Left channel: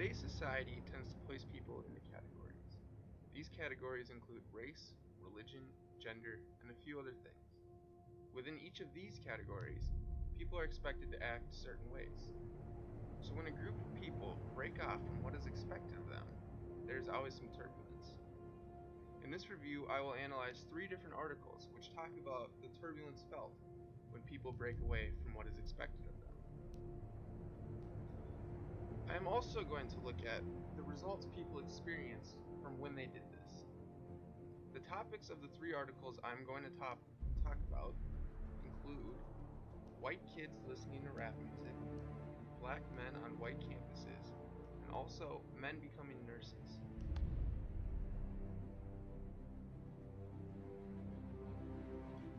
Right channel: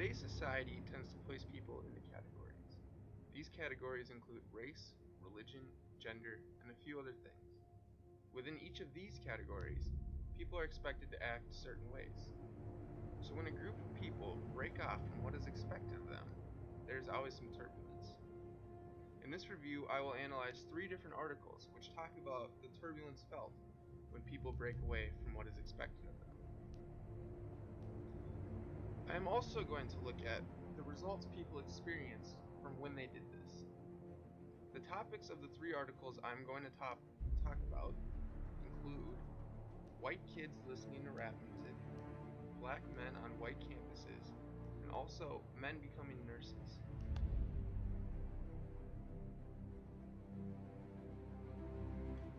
Today's society tends to place people into categories. These categories include race, religion, gender, and a few other things. Within each of these categories, people are expected to act certain ways. So when a group of people break off from what is expected of them, there is always some turbulence. In this review, I will analyze 3 different articles which talk about the turbulence felt when people break away from what is expected of them. I am also going to look at the results people experienced from when they did this. The topics of the 3 articles I'm going to talk about include white kids listening to rap music, black men on white campuses, and also men becoming nurses.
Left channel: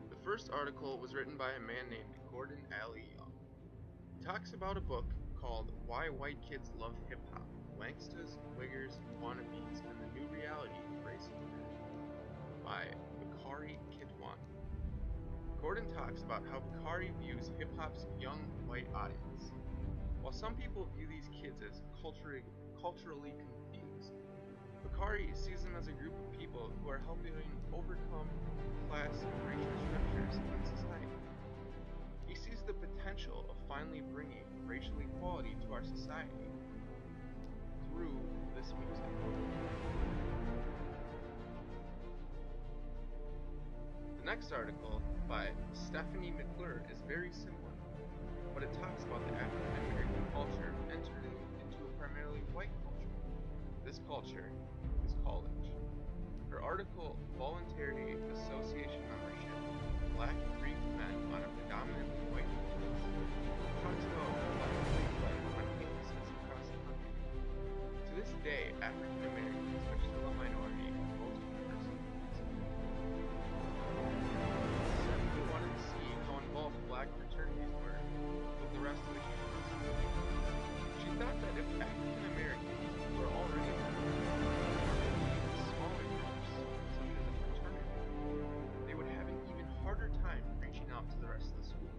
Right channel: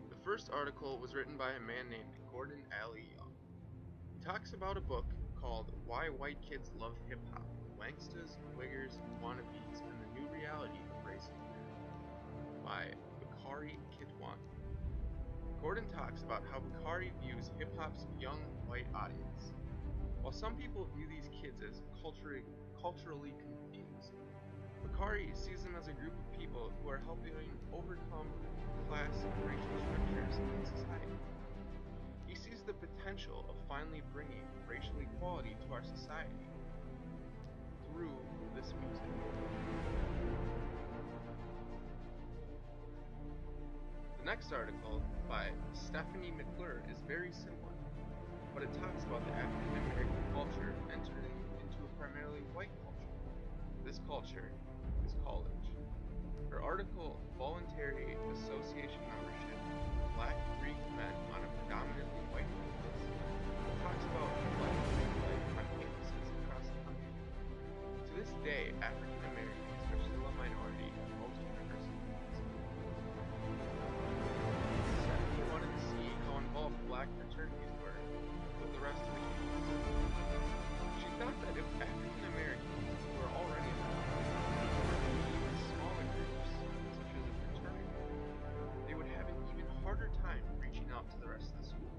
The first article was written by a man named Gordon Alley Young. He talks about a book called Why White Kids Love Hip Hop: Wangstas, Wiggers, Wannabes, and the New Reality of Race in America by Bakari Kitwani. Gordon talks about how Bakari views hip hop's young white audience. While some people view these kids as culturally confused, Bakari sees them as a group of people who are helping overcome class and racial structures in society. He sees the potential of finally bringing racial equality to our society through this music. The next article by Stephanie McClure is very similar, but it talks about the African American culture entering into a primarily white culture. This culture is college. Her article, Voluntary Association Membership: Black Greek Men on a Predominantly White Campus, talks about Black Greek life on campuses across the country. To this day, African Americans are still a minority at most universities. Stephanie wanted to see how involved black fraternities were with the rest of the campus. She thought that if African Americans who were already in or maybe even smaller groups, such as a fraternity, they would have an even harder time reaching out to the rest of the school.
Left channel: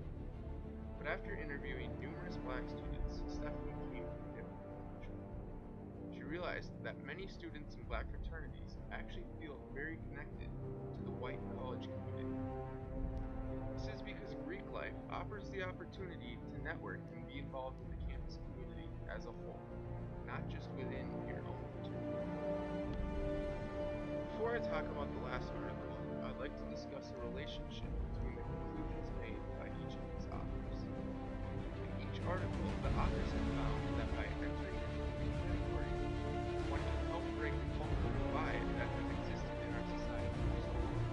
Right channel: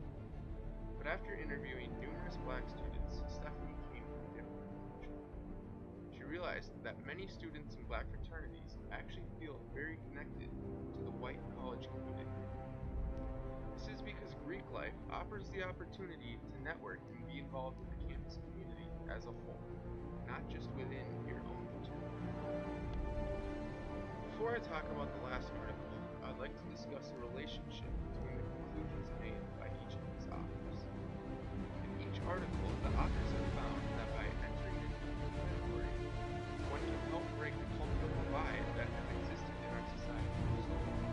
But after interviewing numerous black students, Stephanie came to a different conclusion. She realized that many students in black fraternities actually feel very connected to the white college community. This is because Greek life offers the opportunity to network and be involved in the campus community as a whole, not just within your own fraternity. Before I talk about the last article, I'd like to discuss the relationship between the conclusions made by each of these authors. In each article, the authors have found that by entering into these categories, one can help break the cultural divide that has existed in our society for so long.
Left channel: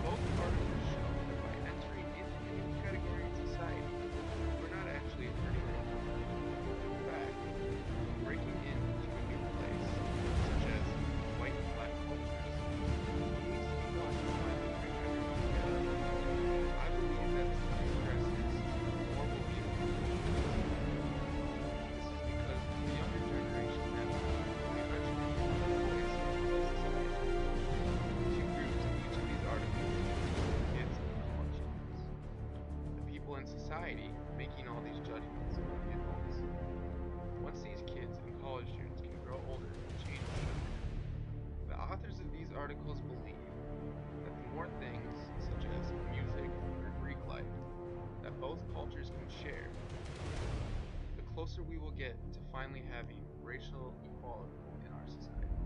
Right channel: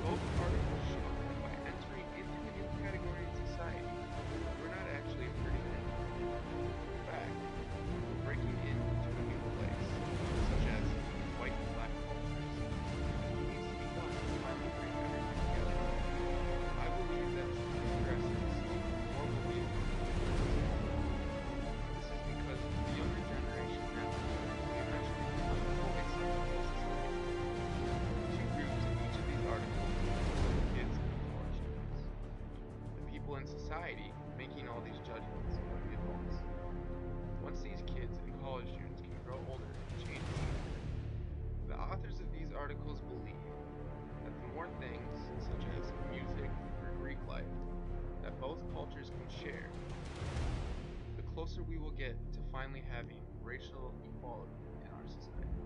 Both articles show that by entering into a new category in society, we're not actually hurting anyone. In fact, we're breaking into a new place, such as white and black cultures. It needs to be done to finally bring everyone together. I believe that as time progresses, more will be accomplished. This is because the younger generation now will eventually become the voice of the whole society. Two groups in each of these articles: kids and college students. The people in society making all these judgments are the adults. Once these kids and college students can grow older and change the structure, the authors of these articles believe that the more things, such as music or Greek life, that both cultures can share, the closer we will get to finally having racial equality in our society.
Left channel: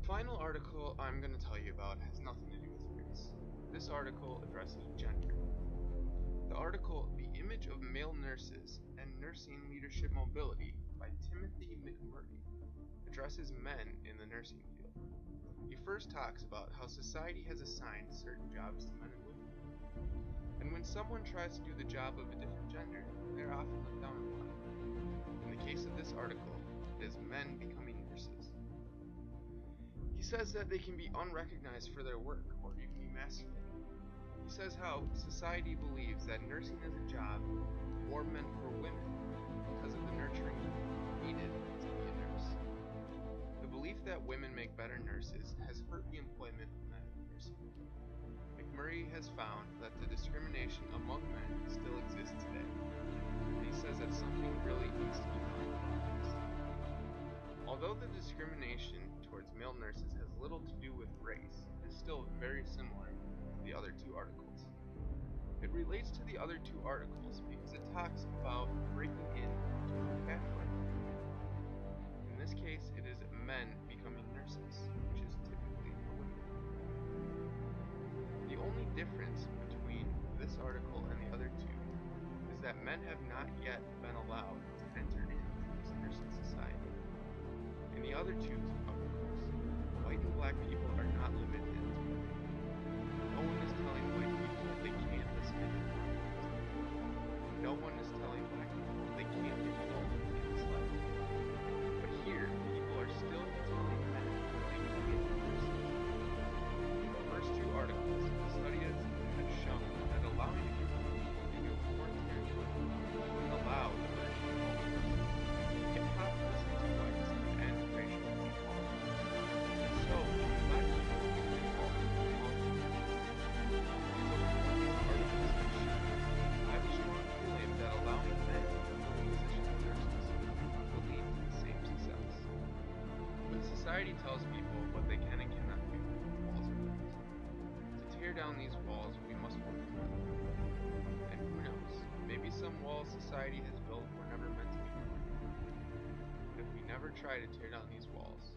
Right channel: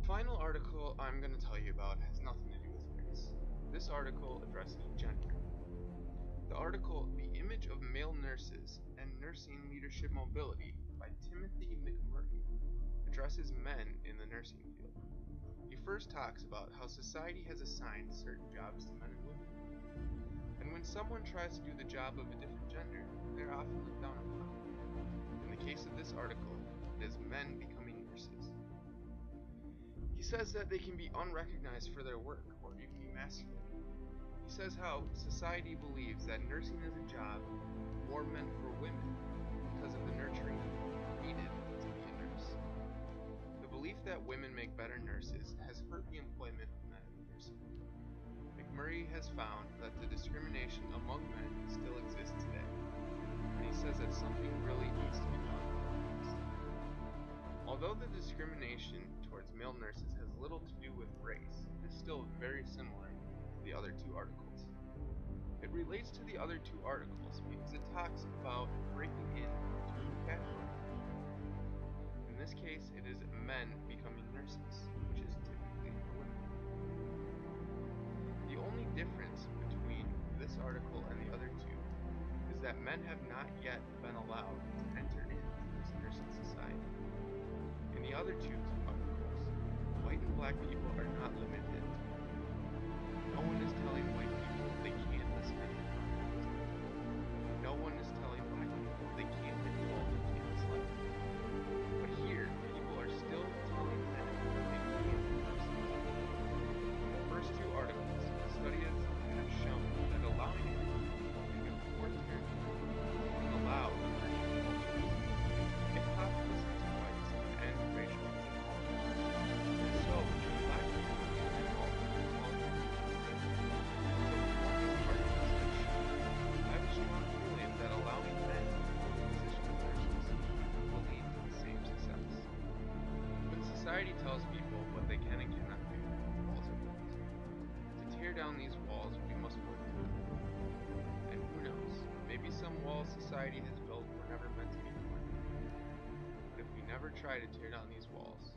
The final article I'm going to tell you about has nothing to do with race. This article addresses gender. The article, The Image of Male Nurses and Nursing Leadership Mobility by Timothy McMurray, addresses men in the nursing field. He first talks about how society has assigned certain jobs to men and women. And when someone tries to do the job of a different gender, they're often looked down upon. In the case of this article, it is men becoming nurses. He says that they can be unrecognized for their work or even emasculated. He says how society believes that nursing is a job more meant for women because of the nurturing needed to be a nurse. The belief that women make better nurses has hurt the employment of men in nursing. McMurray study has found that the discrimination among men still exists today, and he says that something really needs to be done about this. Although the discrimination towards male nurses has little to do with race, it is still very similar to the other two articles. It relates to the other two articles because it talks about breaking into a casualty. In this case, it is men becoming nurses, which is typically for women. The only difference between this article and the other two is that men have not yet been allowed to enter into this nursing society. In the other two articles, white and black people are not limited to it. No one is telling white people they can't listen to podcasts. No one is telling black people they can't get involved in campus life. But here, people are still telling men that they can't be nurses. In the first two articles, studies have shown that allowing a group of people into a foreign territory can allow emerging cultures. Hip-hop listens to whites and end racial inequality. And so, can black people get involved in politics? So from what these articles have shown, I have a strong feeling that allowing men into the position of nurses will lead to the same success. When society tells people what they can and cannot do, walls are built. To tear down these walls, we must work together. And who knows, maybe some walls society has built were never meant to be torn down. But if we never try to tear down these walls,